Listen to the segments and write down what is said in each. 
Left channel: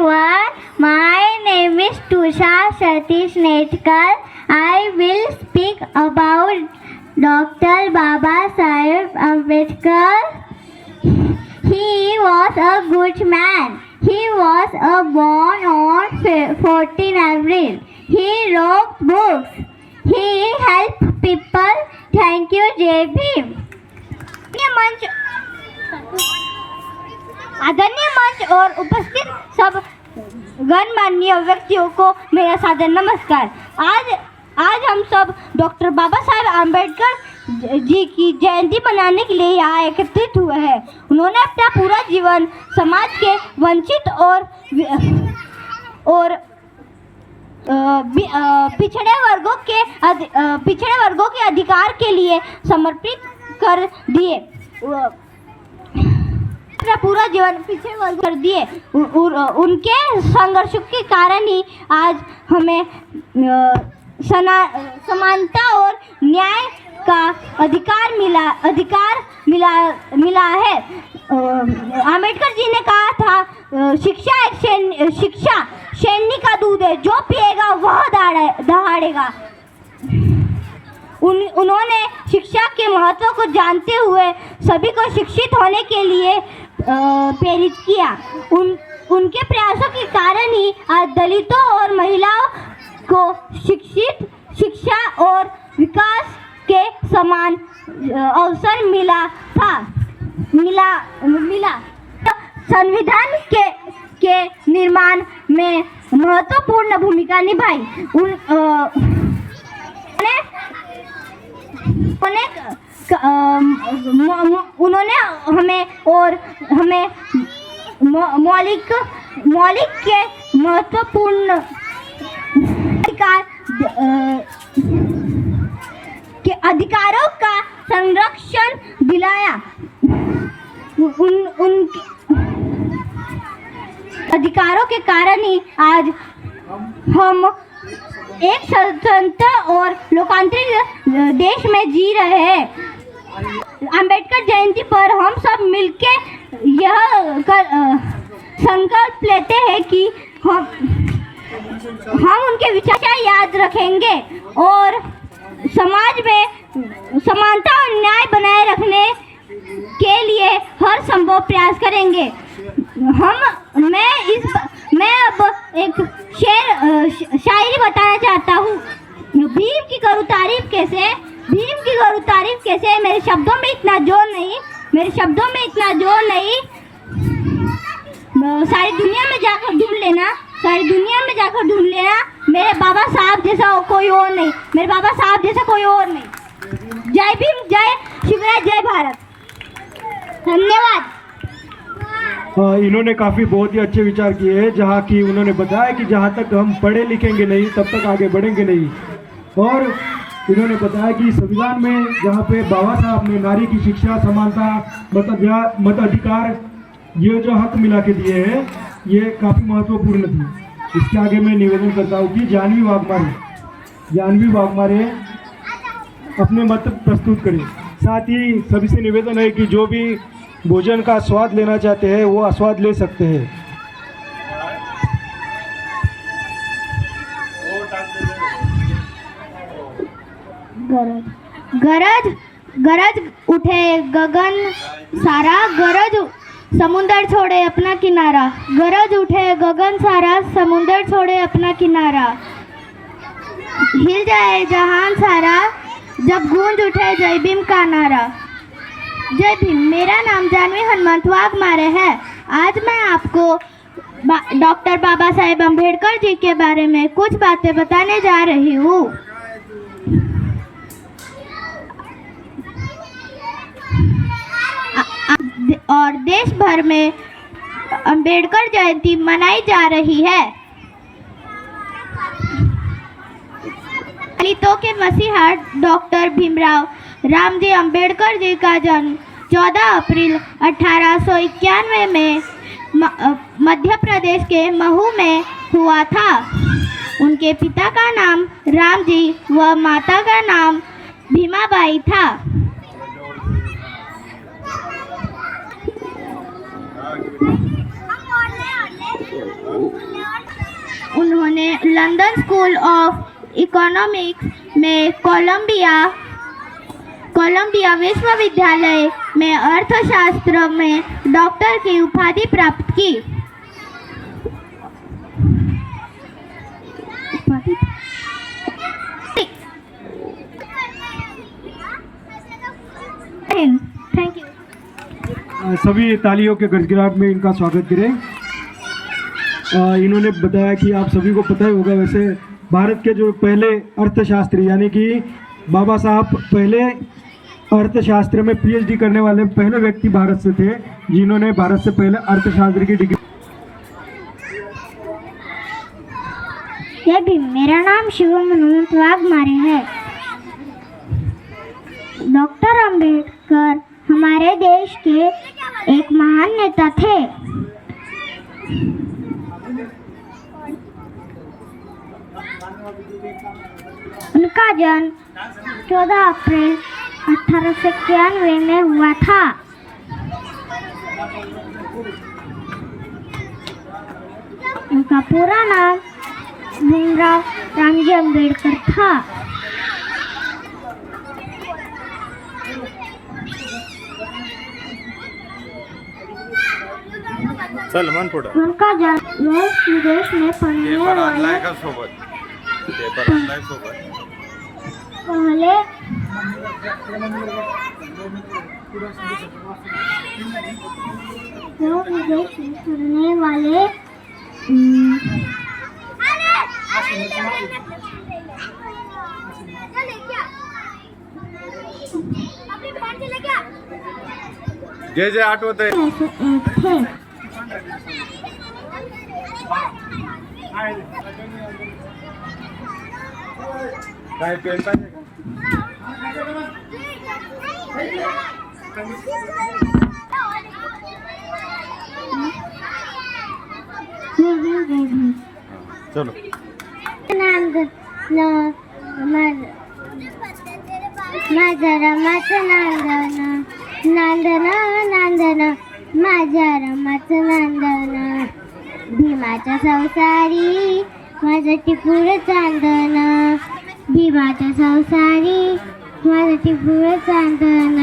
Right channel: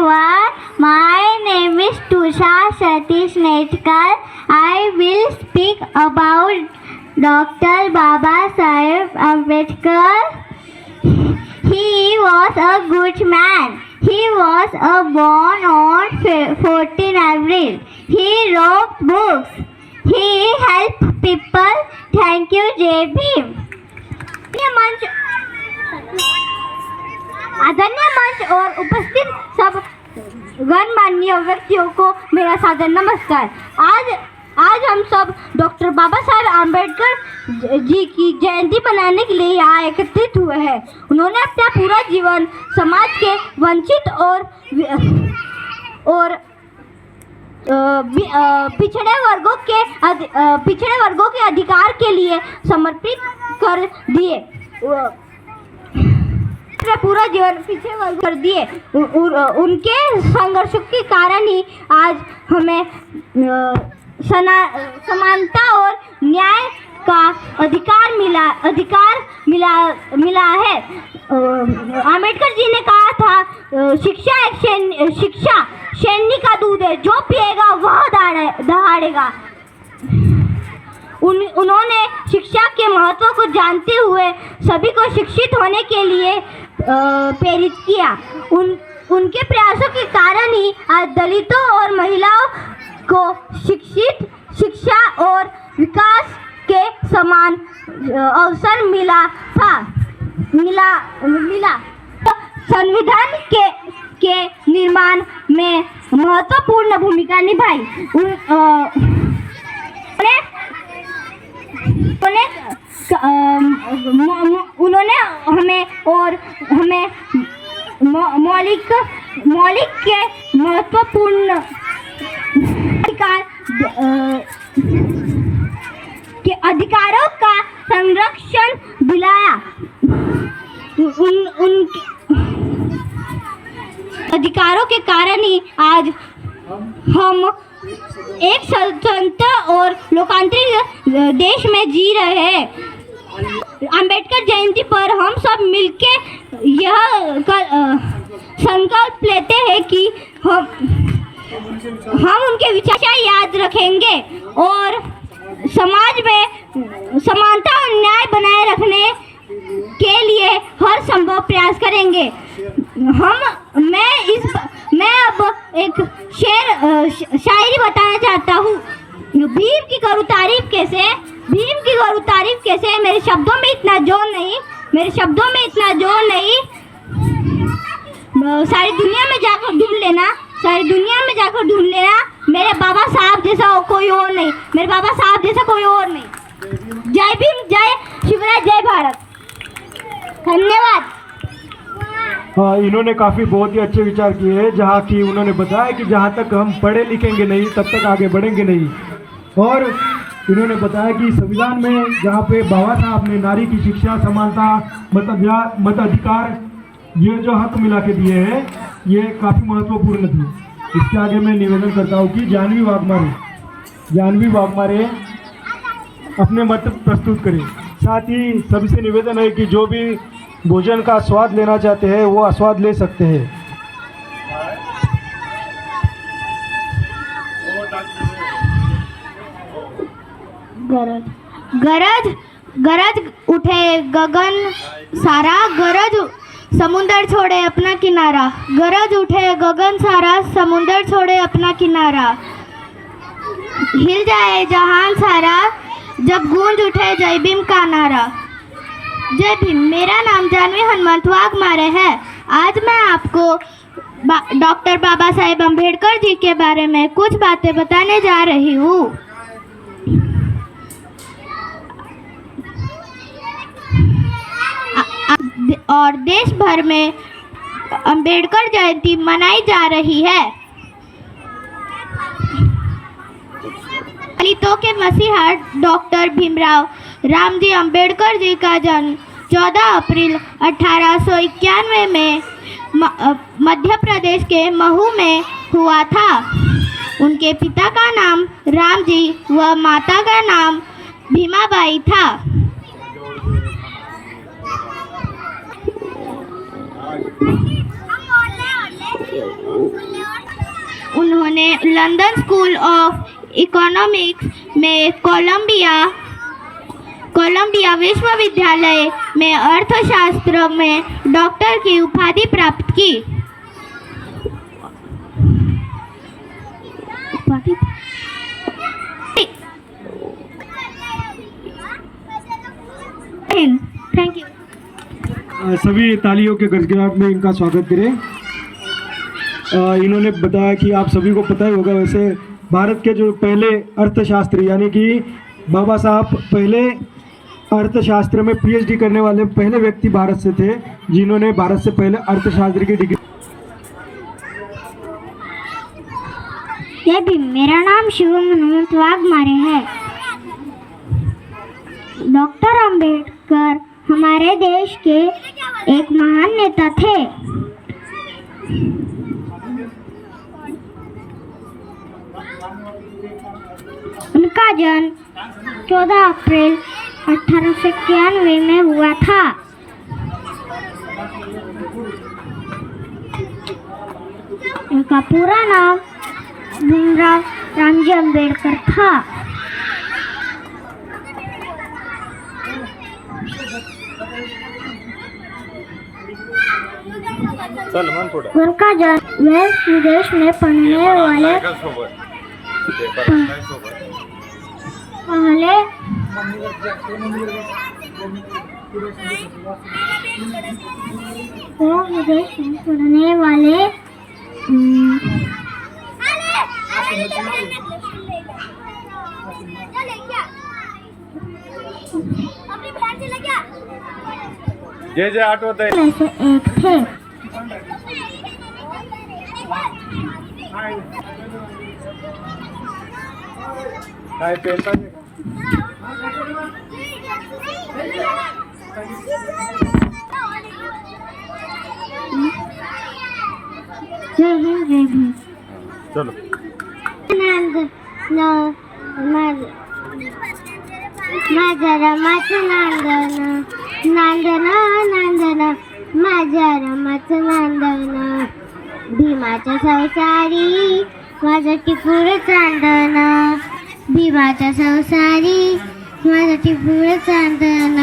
everyone. My name is Tusha Satish Netkar. I will speak about Dr. Baba Saheb Ambedkar. He was a good man. He was born on 14 April. He wrote books. He helped people. Thank you, JB. आदरणीय मंच और उपस्थित सब गणमान्य व्यक्तियों को मेरा सादर नमस्कार। आज हम सब डॉक्टर बाबा साहेब आम्बेडकर जी की जयंती मनाने के लिए यहाँ एकत्रित हुए हैं। उन्होंने अपना पूरा जीवन समाज के वंचित और पिछड़े वर्गों के अधिकार के लिए समर्पित कर दिए। पूरा जीवन पीछे कर दिए। उनके संघर्ष के कारण ही आज हमें समानता और न्याय का अधिकार मिला है। आम्बेडकर जी ने कहा था शिक्षा सैनी का दूध है, जो पिएगा वह दहाड़ेगा। उन्होंने शिक्षा के महत्व को जानते हुए सभी को शिक्षित होने के लिए प्रेरित किया। उनके प्रयासों के कारण ही आज दलितों और महिलाओं को शिक्षा और विकास के समान अवसर मिला। संविधान के निर्माण में महत्वपूर्ण भूमिका निभाई। उन्होंने हमें मौलिक के महत्वपूर्ण अधिकारों का संरक्षण दिलाया। उनके अधिकारों के कारण ही आज हम एक स्वतंत्र और लोकतांत्रिक देश में जी रहे हैं। अंबेडकर जयंती पर हम सब मिलके यह संकल्प लेते हैं कि हम उनके विचार याद रखेंगे और समाज में समानता और न्याय बनाए रखने के लिए हर संभव प्रयास करेंगे। मैं अब एक शायरी बताना चाहता हूँ। भीम की करूँ तारीफ कैसे, मेरे शब्दों में इतना जोर नहीं। सारी दुनिया में जाकर ढूंढ लेना, मेरे बाबा साहब जैसा कोई और नहीं। जय भीम, जय शिवराज, जय भारत। धन्यवाद। हाँ, इन्होंने बहुत ही अच्छे विचार किए हैं। जहाँ की उन्होंने बताया कि जहाँ तक हम पढ़े लिखेंगे नहीं तब तक आगे बढ़ेंगे नहीं। और इन्होंने बताया कि संविधान में जहाँ पे बाबा साहब ने नारी की शिक्षा, समानता, मताधिकार, ये जो हक मिला के दिए हैं, ये काफ़ी महत्वपूर्ण थी। इसके आगे मैं निवेदन करता हूँ कि जानवी वाघमारे अपने मत प्रस्तुत करें। साथ ही सभी से निवेदन है कि जो भी भोजन का स्वाद लेना चाहते हैं वो आस्वाद ले सकते हैं। गरज उठे गगन सारा, गरज समुंदर छोड़े अपना किनारा। गरज उठे गगन सारा, समुंदर छोड़े अपना किनारा। हिल जाए जहान सारा, जब गूंज उठे जय भीम का नारा। जय भीम। मेरा नाम जानवी हनुमंत वाघमारे है। आज मैं आपको डॉक्टर बाबा साहेब अम्बेडकर जी के बारे में कुछ बातें बताने जा रही हूँ। और देश भर में अम्बेडकर जयंती मनाई जा रही है। दलितों के मसीहा डॉक्टर भीमराव रामजी अम्बेडकर जी का जन्म 14 अप्रैल 1891 में मध्य प्रदेश के महू में हुआ था। उनके पिता का नाम रामजी व माता का नाम भीमाबाई था। उन्होंने लंदन स्कूल ऑफ इकोनॉमिक्स में कोलंबिया विश्वविद्यालय में अर्थशास्त्र में डॉक्टर की उपाधि प्राप्त की। Thank you. सभी तालियों के गड़गड़ाहट में इनका स्वागत करें। इन्होंने बताया कि आप सभी को पता ही होगा, वैसे भारत के जो पहले अर्थशास्त्री यानी कि बाबा साहब पहले अर्थशास्त्र में पीएचडी करने वाले पहले व्यक्ति भारत से थे, जिन्होंने भारत से पहले अर्थशास्त्र की डिग्री। यदि मेरा नाम शिवम मनोज वाघमारे है। डॉक्टर अंबेडकर हमारे देश के एक महान नेता थे। उनका जन्म 14 अप्रैल 1891 में हुआ था। उनका पूरा नाम भीमराव रामजी अंबेडकर था। उनका जन्म देश विदेश में पढ़ने वाले पहले विदेश में पढ़ने वाले जे आठवत आहे में से एक थे। काय पेन पाहिजे का? जय हिंद जय भीम। चलो माझ्या रमाचं नांदन नांदन नांदन माझ्या रमाचं नांदन भीमाच्या संसारी माझं टिपूर चांदन भीमाच्या संसारी माझं टिपूर चांदन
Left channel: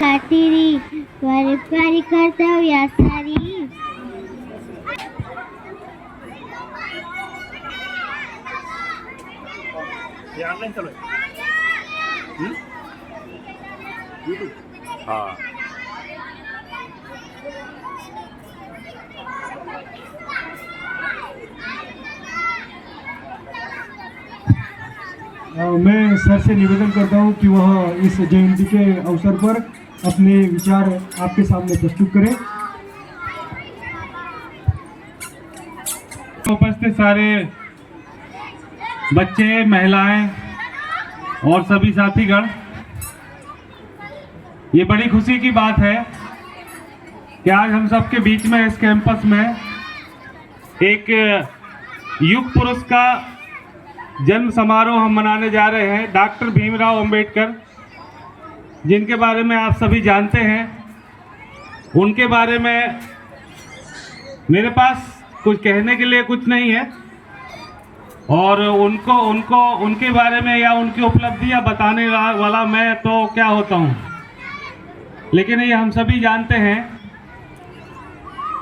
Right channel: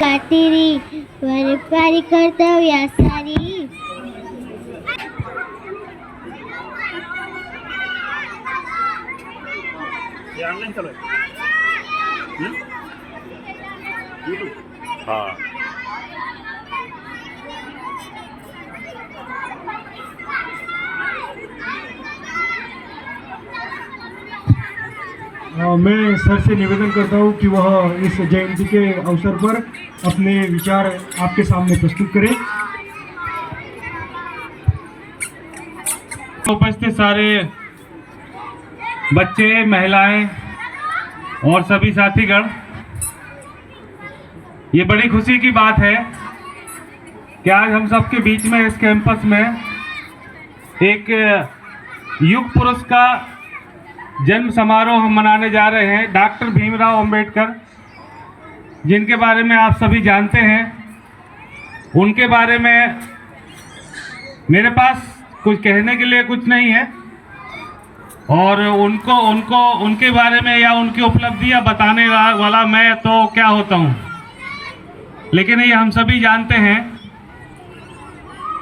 कातिरी पारी कर्तव्या सारी ऑनलाइन चालू आहे YouTube हाँ मैं सर से निवेदन करता हूं कि वह इस जयंती के अवसर पर अपने विचार आपके सामने प्रस्तुत करें। उपस्थित सारे बच्चे, महिलाएं और सभी साथीगण, ये बड़ी खुशी की बात है कि आज हम सबके बीच में इस कैंपस में एक युग पुरुष का जन्म समारोह हम मनाने जा रहे हैं। डॉक्टर भीमराव अंबेडकर, जिनके बारे में आप सभी जानते हैं, उनके बारे में मेरे पास कुछ कहने के लिए कुछ नहीं है और उनके बारे में या उनकी उपलब्धियां बताने वाला मैं तो क्या होता हूं, लेकिन ये हम सभी जानते हैं।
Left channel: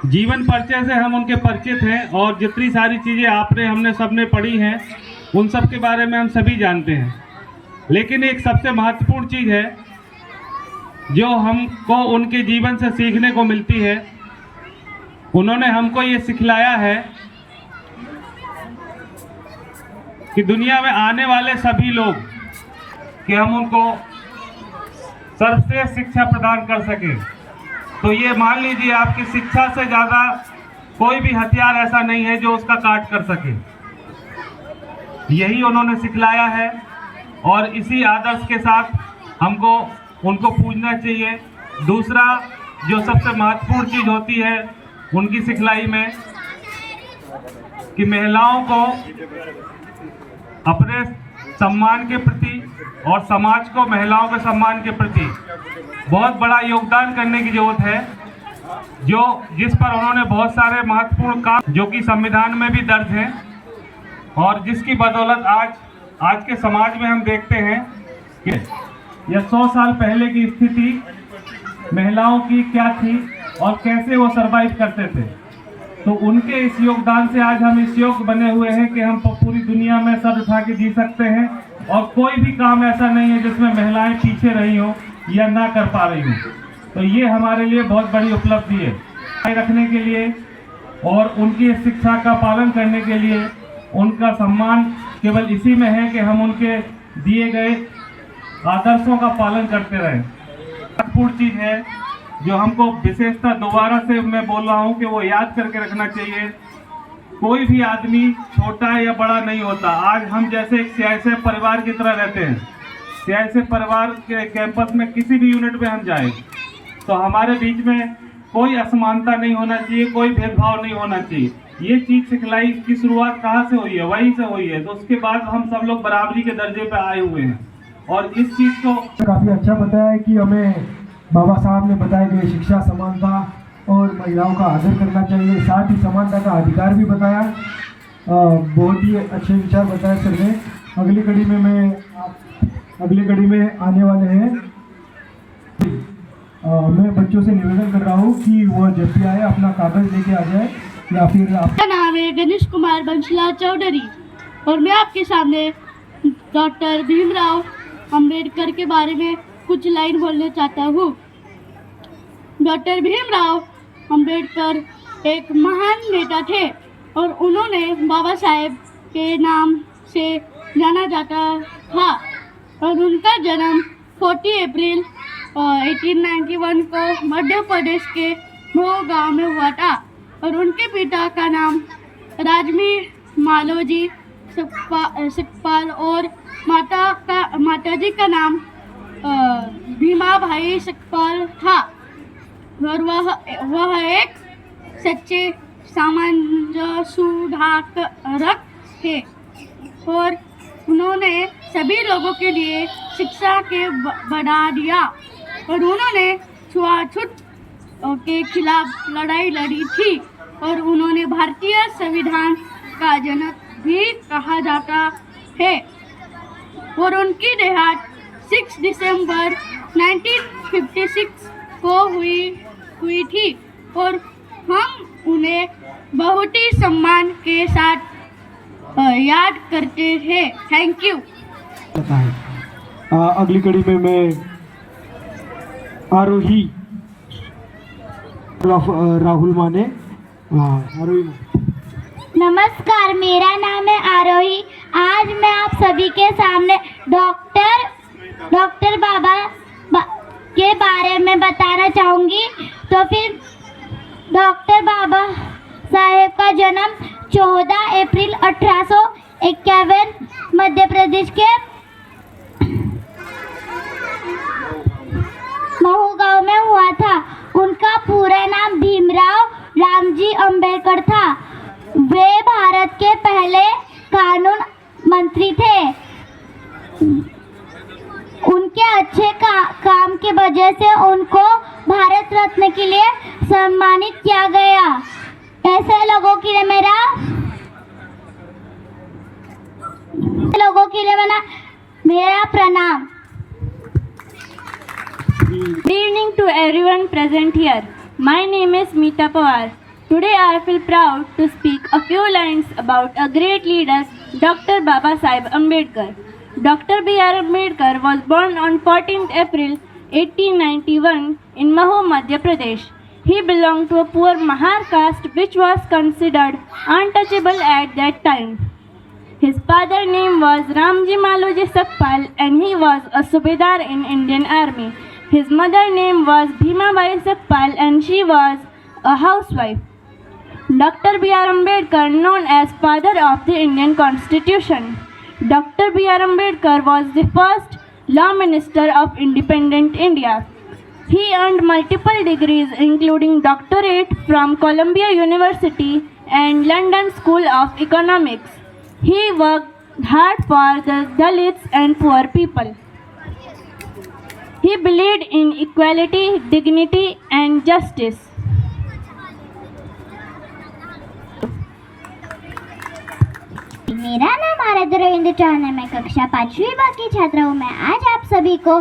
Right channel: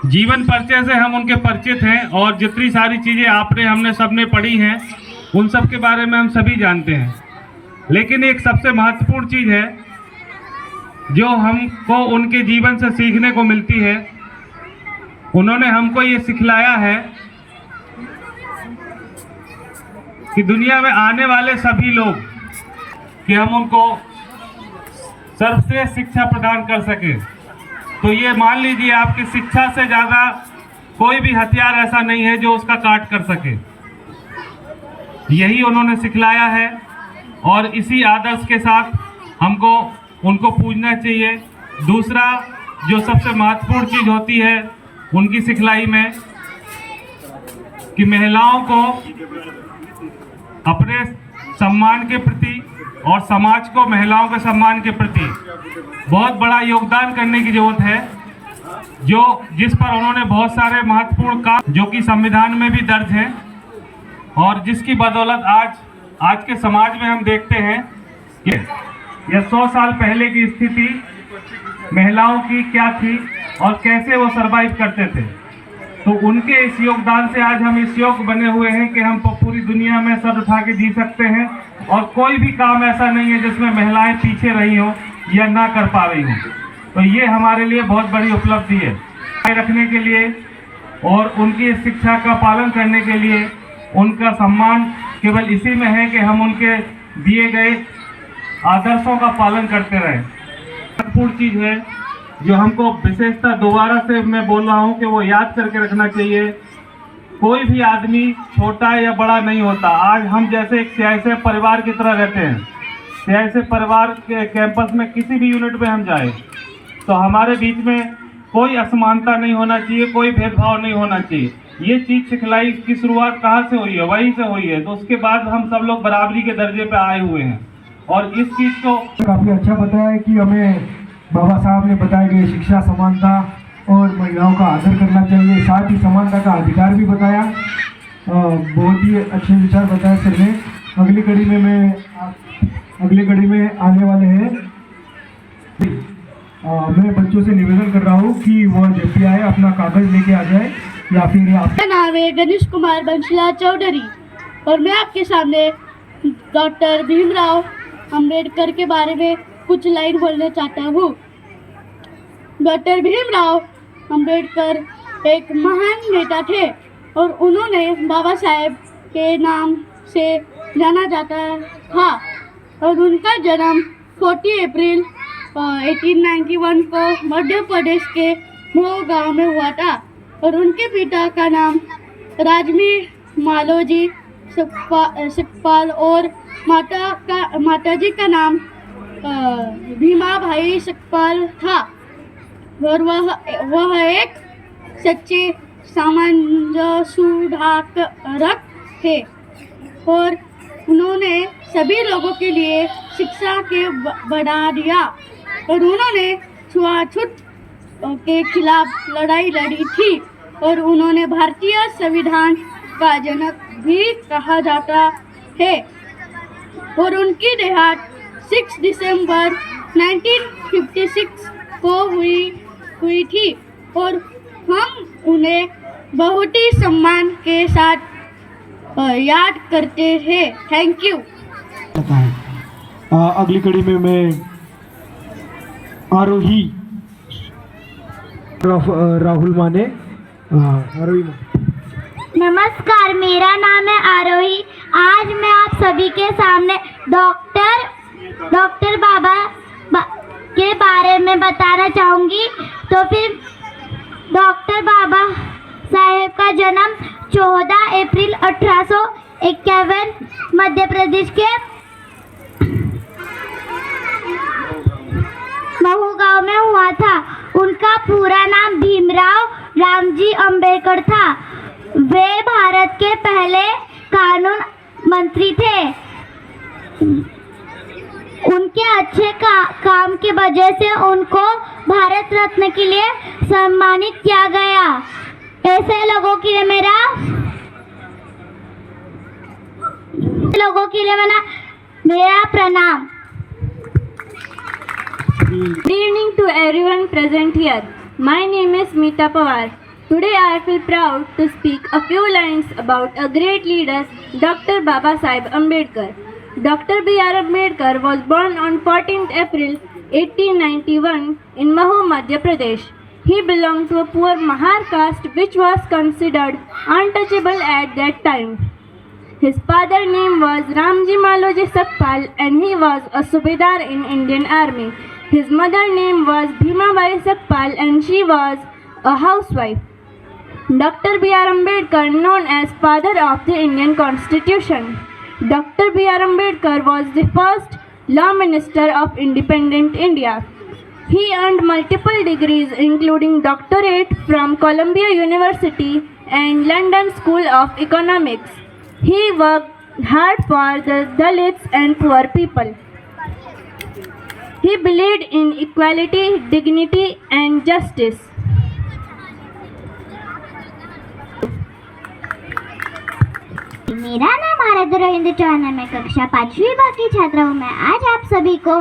जीवन परिचय से हम उनके परिचित हैं और जितनी सारी चीज़ें हमने सबने पढ़ी हैं उन सब के बारे में हम सभी जानते हैं। लेकिन एक सबसे महत्वपूर्ण चीज़ है जो हमको उनके जीवन से सीखने को मिलती है। उन्होंने हमको ये सिखलाया है कि दुनिया में आने वाले सभी लोग कि हम उनको सर्वश्रेष्ठ शिक्षा प्रदान कर सकें। तो ये मान लीजिए आपकी शिक्षा से ज़्यादा कोई भी हथियार ऐसा नहीं है जो उसका काट कर सके। यही उन्होंने सिखलाया है और इसी आदर्श के साथ हमको उनको पूजना चाहिए। दूसरा जो सबसे महत्वपूर्ण चीज़ होती है उनकी सिखलाई में कि महिलाओं को अपने सम्मान के प्रति और समाज को महिलाओं के सम्मान के प्रति बहुत बड़ा योगदान करने की ज़रूरत है। जिस पर उन्होंने बहुत सारे महत्वपूर्ण काम जो कि संविधान में भी दर्ज हैं और जिसकी बदौलत आज के समाज में हम देखते हैं कि यह 100 साल पहले की स्थिति महिलाओं की क्या थी और कैसे वो सरवाइव करते थे। तो उनके इस योगदान से आज हम इस योग्य बने हुए हैं कि हम पूरी दुनिया में सर उठा के जी सकते हैं और कोई भी काम ऐसा नहीं है जिसमें महिलाएं पीछे रही हों या ना कर पा रही हों। तो ये हमारे लिए बहुत बड़ी उपलब्धि है रखने के लिए और उनकी इस शिक्षा का पालन करने के लिए उनका सम्मान केवल इसी में है कि हम उनके दिए गए आदर्शों का पालन करते रहें। महत्वपूर्ण चीज़ है जो हमको विशेषता दोबारा से मैं बोल रहा हूँ कि वो याद करके रखना चाहिए। कोई भी आदमी छोटा या बड़ा नहीं होता। आज हम जैसे एक सियासी परिवार की तरह रहते हैं। सियासी परिवार के कैंपस में किसी भी यूनिट में हम जाए तो हमारे बीच में कोई असमानता नहीं होना चाहिए, कोई भेदभाव नहीं होना चाहिए। ये चीज़ सिखलाई की शुरुआत कहाँ से हुई है? वहीं से हुई है। तो उसके बाद हम सब लोग बराबरी के दर्जे पे आए हुए हैं और इस चीज़ को काफ़ी अच्छा बताया है कि हमें बाबा साहब ने बताया कि शिक्षा, समानता और महिलाओं का आदर करना चाहिए, साथ ही समानता का अधिकार भी बताया। बहुत ही अच्छे विचार बताए सर ने। अगली कड़ी में आने वाले हैं। मैं बच्चों से निवेदन कर रहा हूँ कि वह जब भी आए अपना कागज लेके आ जाए या फिर आप। मेरा नाम है गणेश कुमार बंशीलाल चौधरी और मैं आपके सामने डॉक्टर भीमराव अंबेडकर के बारे में कुछ लाइन बोलना चाहता हूँ। डॉक्टर भीमराव अंबेडकर एक महान नेता थे और उन्होंने बाबा साहेब के नाम से जाना जाता था और उनका जन्म 40 अप्रैल 1891 को मध्य प्रदेश के मऊ गांव में हुआ था और उनके पिता का नाम राजमी मालोजी सुखपाल और माताजी का नाम भीमा भाई सुखपाल था और वह एक सच्चे सामान्य सुधारक थे और उन्होंने सभी लोगों के लिए शिक्षा के बढ़ा दिया और उन्होंने छुआछूत के खिलाफ लड़ाई लड़ी थी और उन्होंने भारतीय संविधान का जनक भी कहा जाता है और उनकी देहांत 6 दिसंबर 1956 को हुई थी और हम उन्हें बहुत ही सम्मान के साथ याद करते हैं। Thank you. अगली कड़ी में मैं आरोही राहुल माने आरोही। नमस्कार, मेरा नाम है आरोही। आज मैं आप सभी के सामने डॉक्टर बाबा के बारे में बताना चाहूँगी। तो फिर डॉक्टर बाबा साहेब का जन्म 14 अप्रैल 1851 मध्य प्रदेश के महू गांव में हुआ था। उनका पूरा नाम भीमराव रामजी अंबेडकर था। वे भारत के पहले कानून मंत्री थे। उनके अच्छे काम की वजह से उनको भारत रत्न के लिए सम्मानित किया गया। ऐसे लोगों के लिए मेरा प्रणाम। Good evening to everyone present here. My name is Meeta Pawar. Today I feel proud to speak a few lines about a great leader, Dr. Baba Saheb Ambedkar. Dr. B.R. Ambedkar was born on 14th April 1891 in Mahou, Madhya Pradesh. He belonged to a poor Mahar caste which was considered untouchable at that time. His father's name was Ramji Maloji Sakpal and he was a Subedar in Indian Army. His mother's name was Bhima Bai Sakpal and she was a housewife. Dr. B.R. Ambedkar, known as Father of the Indian Constitution. Dr. B.R. Ambedkar was the first Law Minister of independent India. He earned multiple degrees including doctorate from Columbia University and London School of Economics. He worked hard for the Dalits and poor people. He believed in equality, dignity and justice. मेरा नाम आराध्य रविंद्र चौहान है। मैं कक्षा 5वीं बा की छात्रा हूँ। मैं आज आप सभी को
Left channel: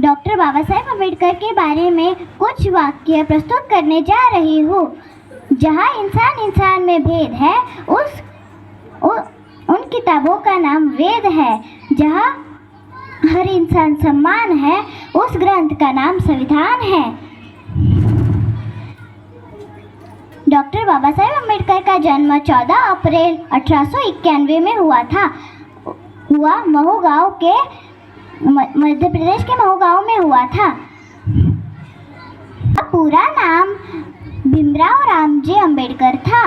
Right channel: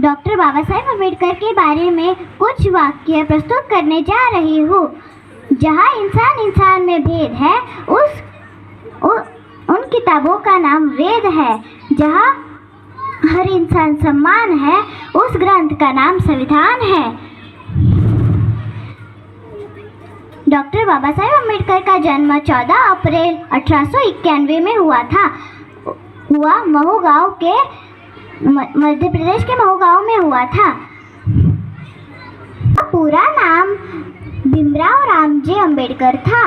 डॉक्टर बाबा साहेब अम्बेडकर के बारे में कुछ वाक्य प्रस्तुत करने जा रही हूँ। जहाँ इंसान इंसान में भेद है, उन किताबों का नाम वेद है। जहाँ हर इंसान समान है, उस ग्रंथ का नाम संविधान है। डॉक्टर बाबा साहेब अम्बेडकर का जन्म 14 अप्रैल 1891 में हुआ महू गांव के मध्य प्रदेश के महू गांव में हुआ था। पूरा नाम भीमराव रामजी अम्बेडकर था।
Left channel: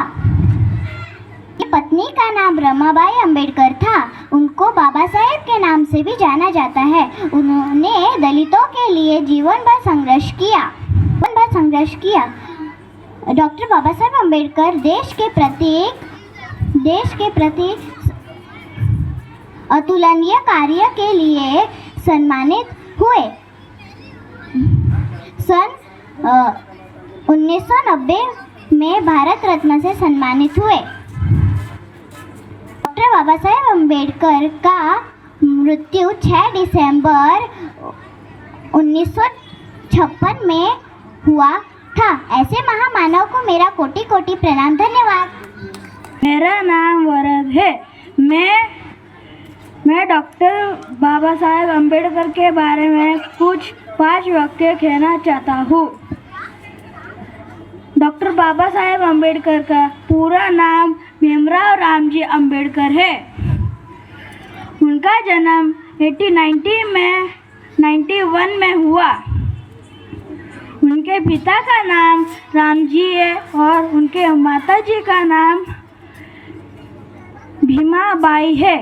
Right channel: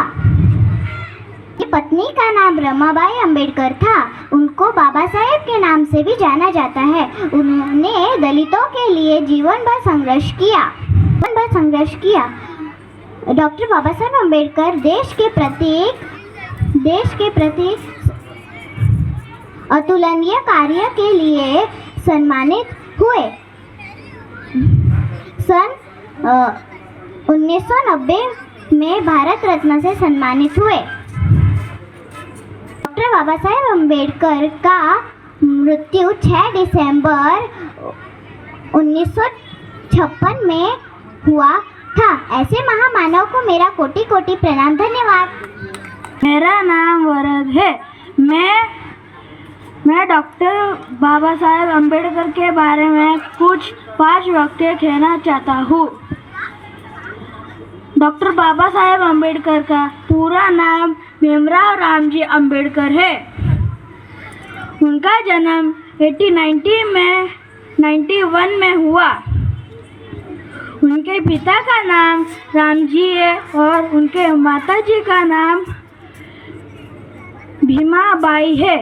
पत्नी का नाम रमाबाई अम्बेडकर था। उनको बाबा साहेब के नाम से भी जाना जाता है। उन्होंने दलितों के लिए जीवन भर संघर्ष किया। डॉक्टर बाबा साहेब अम्बेडकर देश के प्रति अतुलनीय कार्य के लिए सम्मानित हुए। सन 1990 में भारत रत्न से सम्मानित हुए। डॉक्टर बाबा साहेब अम्बेडकर का मृत्यु 6 दिसंबर 1956 में हुआ था। ऐसे महामानव को मेरा कोटि कोटि प्रणाम। धन्यवाद। मेरा नाम वरद है। मैं डॉक्टर बाबा साहेब अम्बेडकर के बारे में कुछ 5 वाक्य कहना चाहता हूँ। डॉक्टर बाबा साहेब अम्बेडकर का पूरा नाम भीमराव रामजी अम्बेडकर है। उनका जन्म 1891 में हुआ। उनके पिता का नाम रामजी है और उनके माताजी का नाम भीमाबाई है।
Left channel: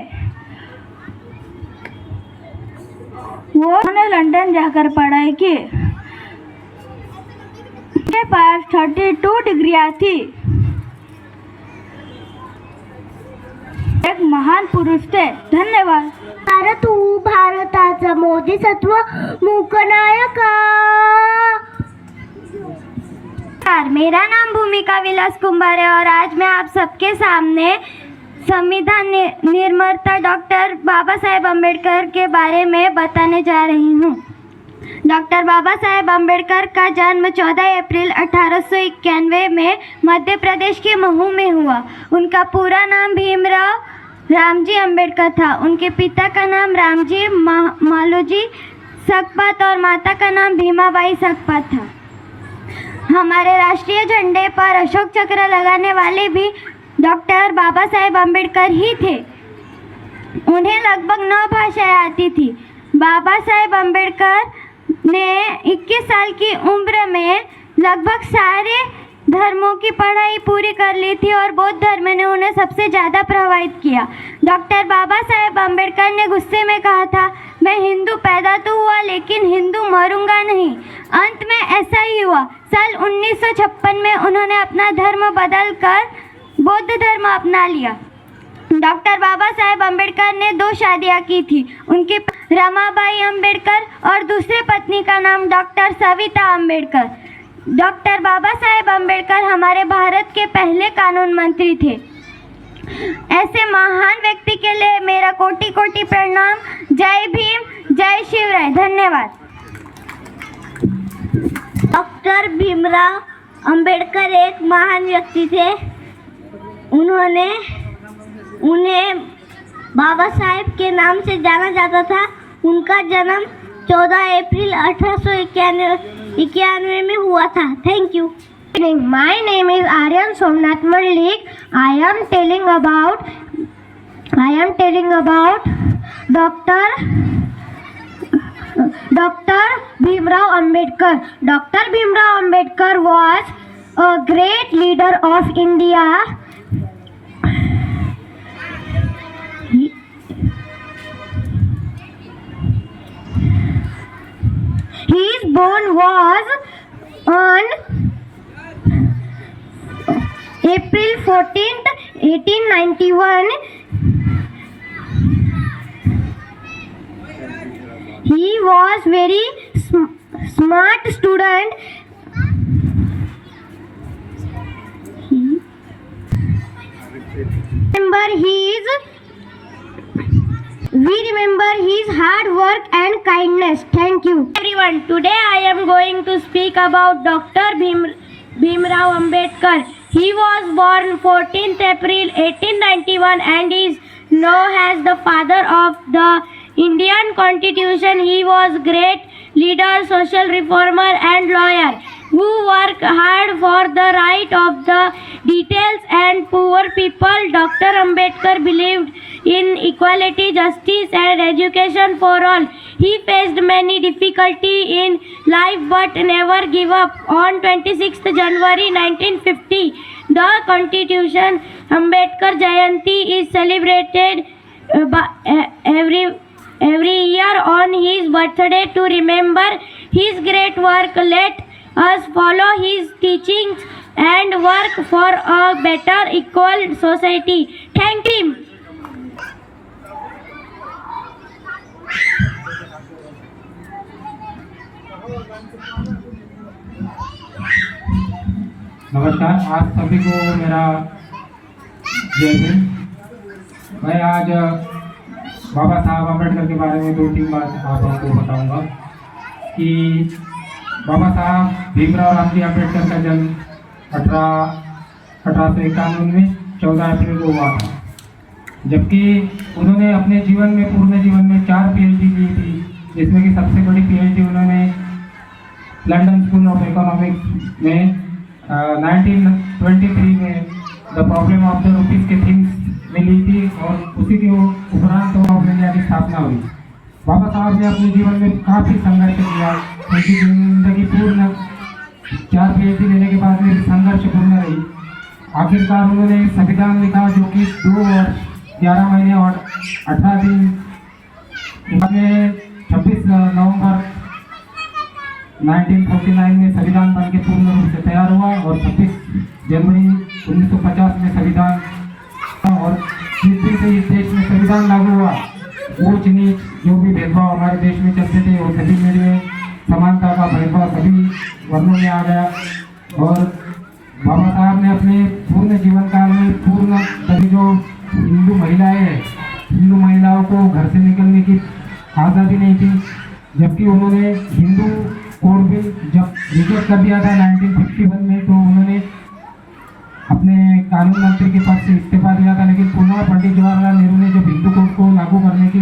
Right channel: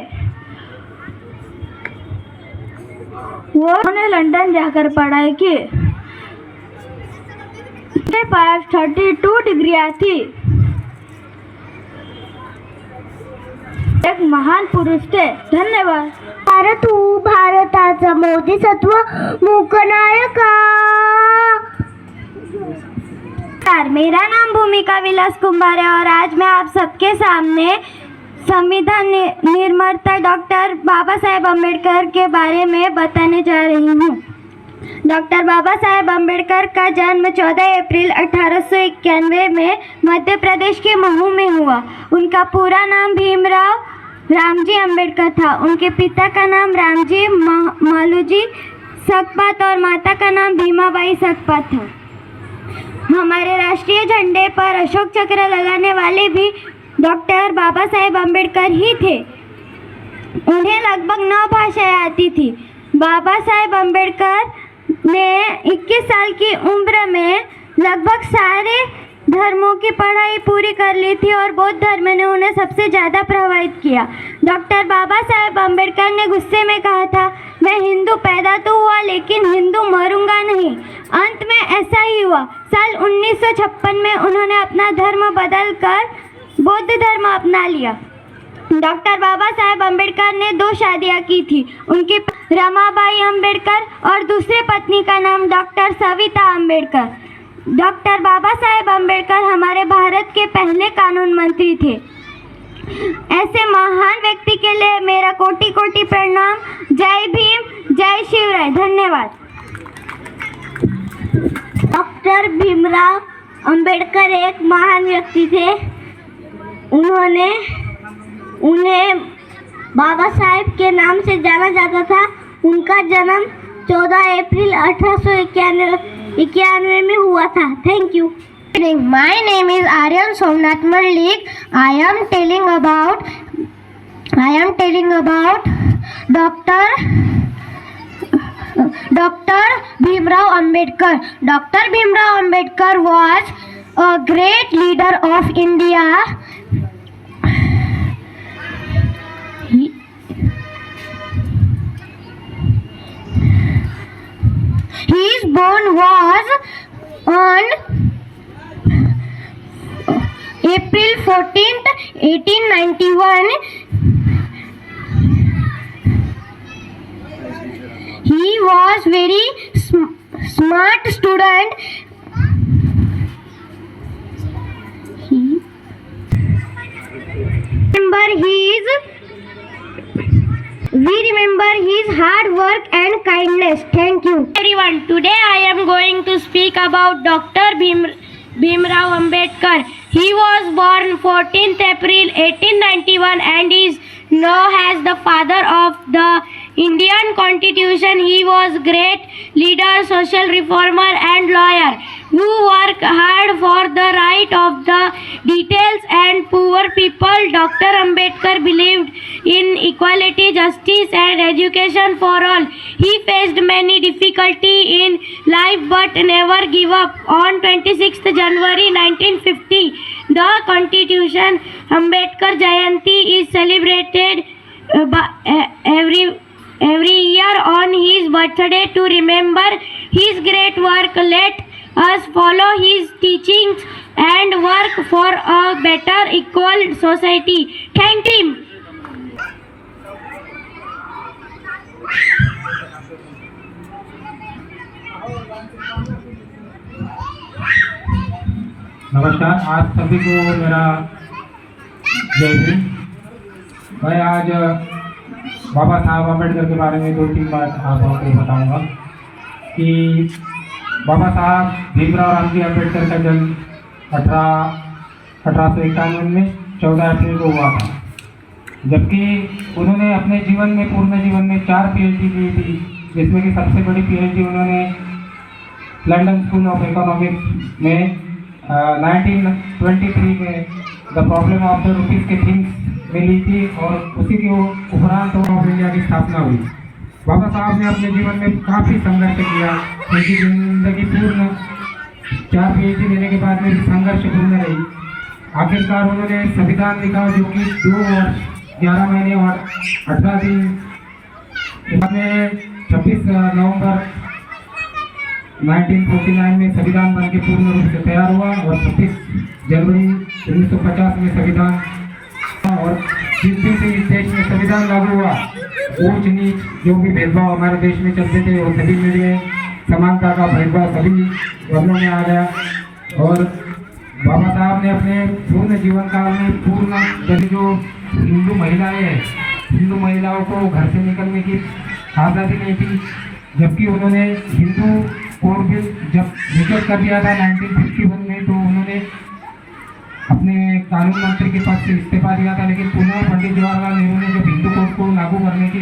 उन्होंने लंदन जाकर पढ़ाई की। उनके पास 32 डिग्रियां थी। एक महान पुरुष थे। धन्यवाद। भारताचा मोदी सत्व मूकनायका। मेरा नाम भूमिका विलास कुंभार है और आज मैं आप सबके सामने संविधान निर्माता डॉक्टर बाबा साहेब अम्बेडकर के बारे में बताने जा रही हूँ। डॉक्टर बाबा साहेब अम्बेडकर का जन्म 14 अप्रैल 1891 में मध्य प्रदेश के महू में हुआ। उनका पूरा नाम भीमराव रामजी अम्बेडकर था। उनके पिता का नाम रामजी मालूजी सकपात और माता का नाम भीमाबाई सकपात था। हमारे राष्ट्रीय झंडे पर अशोक चक्र लगाने वाले भी डॉक्टर बाबा साहेब अम्बेडकर ही थे। उन्हें लगभग 9 भाषाएं आती थी। बाबा साहेब अम्बेडकर ने 21 साल की उम्र में लगभग सारे धर्मों की पढ़ाई पूरी कर ली थी और बौद्ध धर्म ने उन्हें सबसे ज़्यादा प्रभावित किया। डॉक्टर बाबा साहेब अम्बेडकर ने गुस्से में कहा था, मैं हिंदू पैदा तो हुआ लेकिन हिंदू मरूंगा नहीं। अंत में ऐसा ही हुआ। साल 1956 में उन्होंने अपना धर्म बदलकर बौद्ध धर्म अपना लिया। डॉक्टर बाबा साहेब अम्बेडकर ने 2 शादियां की थी। उनकी रमाबाई अम्बेडकर और दूसरे पत्नी का नाम डॉक्टर सविता अम्बेडकर। डॉक्टर बाबा साहेब अम्बेडकर हमारे भारत के पहले कानून मंत्री थे। ऐसे महान व्यक्ति के लिए मेरा कोटि कोटि प्रणाम। जय भीम, जय शिवराय। धन्यवाद। डॉक्टर भीमराव अम्बेडकर एक महान व्यक्ति थे। उन्हें बाबा साहेब के नाम से जाना जाता था। उनका जन्म 14 अप्रैल 1891 में हुआ था। Thank you. My name is Aryan Somnath Malik. I am telling about Dr. Bhimrao Ambedkar. Dr. Bhimrao Ambedkar was a great leader of India. His born was on April 14th, 1891. He was very smart student. Remember his We remember his hard work and kindness. Thank you. Everyone, today I am going to speak about Dr. Bhimrao Ambedkar. He was born 14th April 1891 and is known as the father of the Indian Constitution. He was great leader, social reformer and lawyer who worked hard for the right of the details and poor people. Dr. Ambedkar believed in equality, justice and education for all. He faced many difficulties in life but never gave up. On 26th January 1950, the Constitution Ambedkar Jayanti is celebrated every year on his birthday to remember his great work. Let us follow his teachings and work for a better equal society. Thank him. नमस्कार, आज सभी को मेरा जय हिंद। मैं आज बाबा साहब अम्बेडकर के बारे में 2-3 बात आप लोगों को बताऊंगा कि बाबा साहब भीमराव रामजी अम्बेडकर का जन्म 1891 में 14 अप्रैल को हुआ था, जबकि उन्होंने अपने पूर्ण जीवन में 4 PhD ली थी, जिसमें कि सबसे बड़ी PhD उन्होंने लंदन स्कूल ऑफ इकोनॉमिक्स में 1923 में the problem of the rupees के थिंग्स में ली थी और उसी के उपरांत ऑफ इंडिया की स्थापना हुई। बाबा साहब ने अपने जीवन में काफ़ी संघर्ष किया, उनकी जिंदगी पूर्ण 4 PhD लेने के बाद में संघर्षपूर्ण रही। आखिरकार उन्होंने संविधान लिखा जो कि 2 वर्ष 11 महीने और 18 दिन के बाद में 26 नवंबर 1949 में संविधान बनके पूर्ण रूप से तैयार हुआ और 25 जनवरी 1950 में संविधान, और जिस दिन से इस देश में संविधान लागू हुआ, ऊंच नीच जो भी भेदभाव हमारे देश में चलते थे वो सभी में समानता का भेदभाव सभी वर्णों में आ गया। और बाबा साहब ने अपने पूर्ण जीवन काल में सभी जो हिंदू महिलाएं हैं, हिंदू महिलाओं को घर से निकलने की आज़ादी नहीं थी, जबकि उन्होंने हिंदू कोड बिल जब रिजेक्ट कर दिया था 1951 में, तो उन्होंने अपने कानून मंत्री के पद से इस्तीफा दिया था, लेकिन पुनः पंडित जवाहरलाल नेहरू ने जब हिंदू कोड को लागू करने की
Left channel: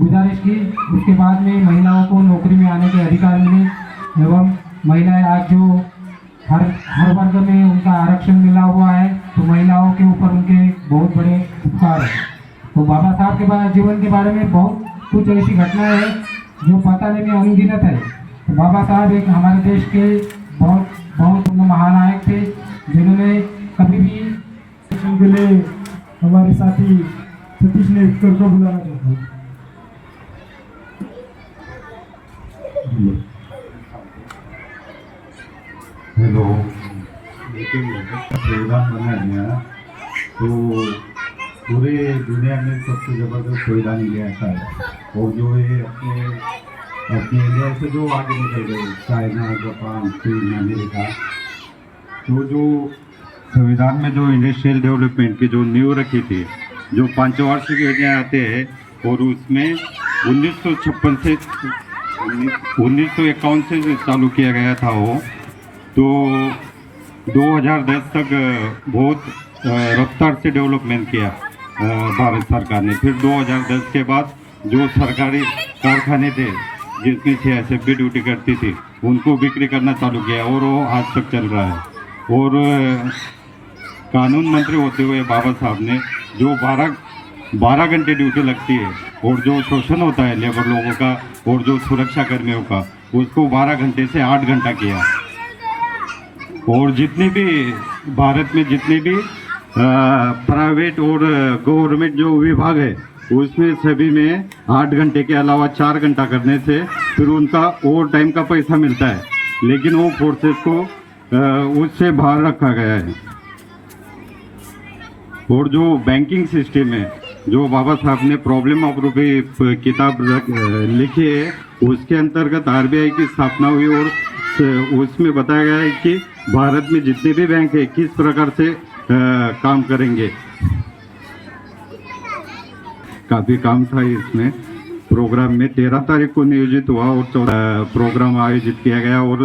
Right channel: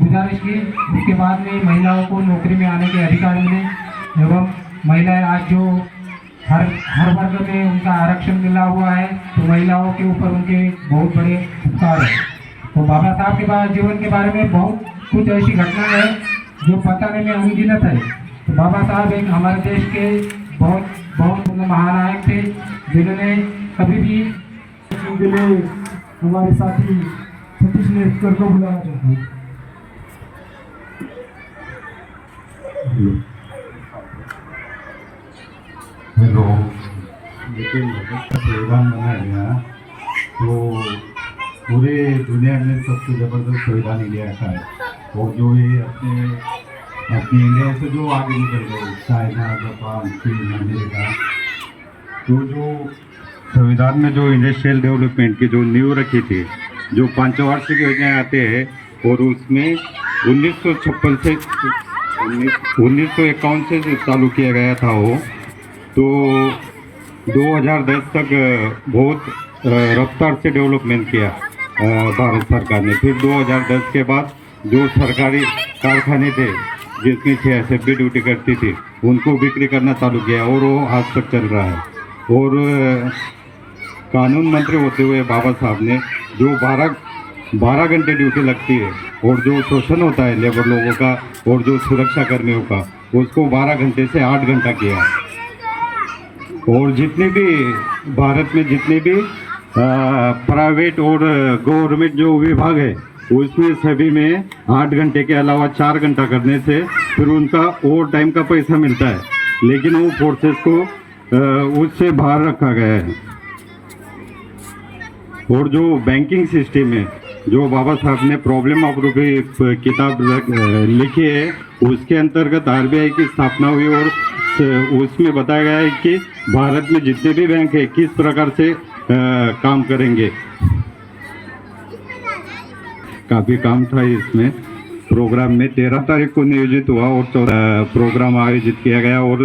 गुजारिश की, उसके बाद में महिलाओं को नौकरी में आने के अधिकार मिले एवं महिलाएं आज जो हर वर्ग में उनका आरक्षण मिला हुआ है, तो महिलाओं के ऊपर उनके बहुत बड़े उपकार है। तो बाबा साहब के जीवन के बारे में बहुत कुछ ऐसी घटनाएं हैं जो बताने में अनगिनत है। तो बाबा साहब एक हमारे देश के बहुत महानायक थे, जिन्होंने कभी भी के लिए हमारे साथी सतीश ने स्पीकर को बुलाया था। हेलो, लेकिन संविधान बनाया गया तो पूरे दुनिया में सबसे ज़बरदस्त संविधान इंडिया का है, और जो ये अपने इंडिया से जो आगे निकल गए, चाइना, जापान, चीन, अमेरिका, तो जो संविधान में जो इंडस्ट्रियल डेवलपमेंट की जो नींव रखी थी, जो पंचवार्षिक योजनाएं आते हैं, और उसमें 1956 से 1951 से चालू किया गया था वो, तो 2010 तक बहुत रफ्तार से डेवलपमेंट किया भारत सरकार ने। फिर 2010 के बाद जो सरकारी कारखाने थे जिसमें 6 असेंबली ड्यूटी करती थी, उनको बिक्री करना चालू किया, और वो आज तक चल रहा है। और कानून मंत्री होते हुए बाबा साहब ने जो 12 घंटे ड्यूटी लगती है, और जो शोषण होता है लेबर लोगों का और जो सुरक्षा कर्मियों का, उसको 12 घंटे से 8 घंटा किया। और जितने भी भारत में जितने भी प्राइवेट और गवर्नमेंट जो विभाग है, उसमें सभी में 8 घंटे के अलावा 4 घंटा करने से फिर उनका ओवर टाइम का पैसा मिलता है, लेकिन वो फोर्सेस को उससे बाहर रखा गया है। और जो बैंकिंग सिस्टम है, जो बाबा साहब ने प्रॉब्लम ऑफ रुपी किताब लिखी है, उसके अंतर्गत RBI की स्थापना हुई, और उसमें बताया गया है कि भारत में जितने भी बैंक है किस प्रकार से काम करेंगे। काफ़ी काम था इसमें प्रोग्राम में। 13 तारीख को नियोजित हुआ और 14 प्रोग्राम आयोजित किया गया और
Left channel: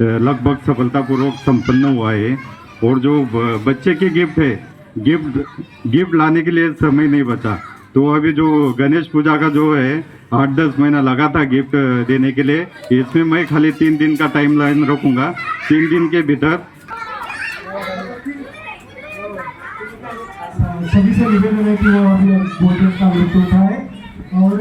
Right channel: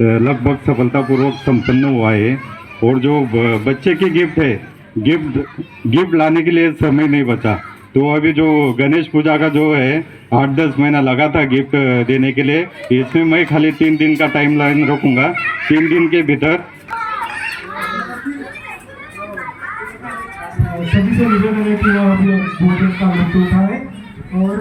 लगभग सफलतापूर्वक संपन्न हुआ है। और जो बच्चे की गिफ्ट है, गिफ्ट लाने के लिए समय नहीं बचा, तो अभी जो गणेश पूजा का जो है 8-10 महीना लगा था गिफ्ट देने के लिए, इसमें मैं खाली 3 दिन का टाइम लाइन रखूँगा। 3 दिन के भीतर सभी से निवेदन है कि वो अभी भोजन का लुत्फ उठाए और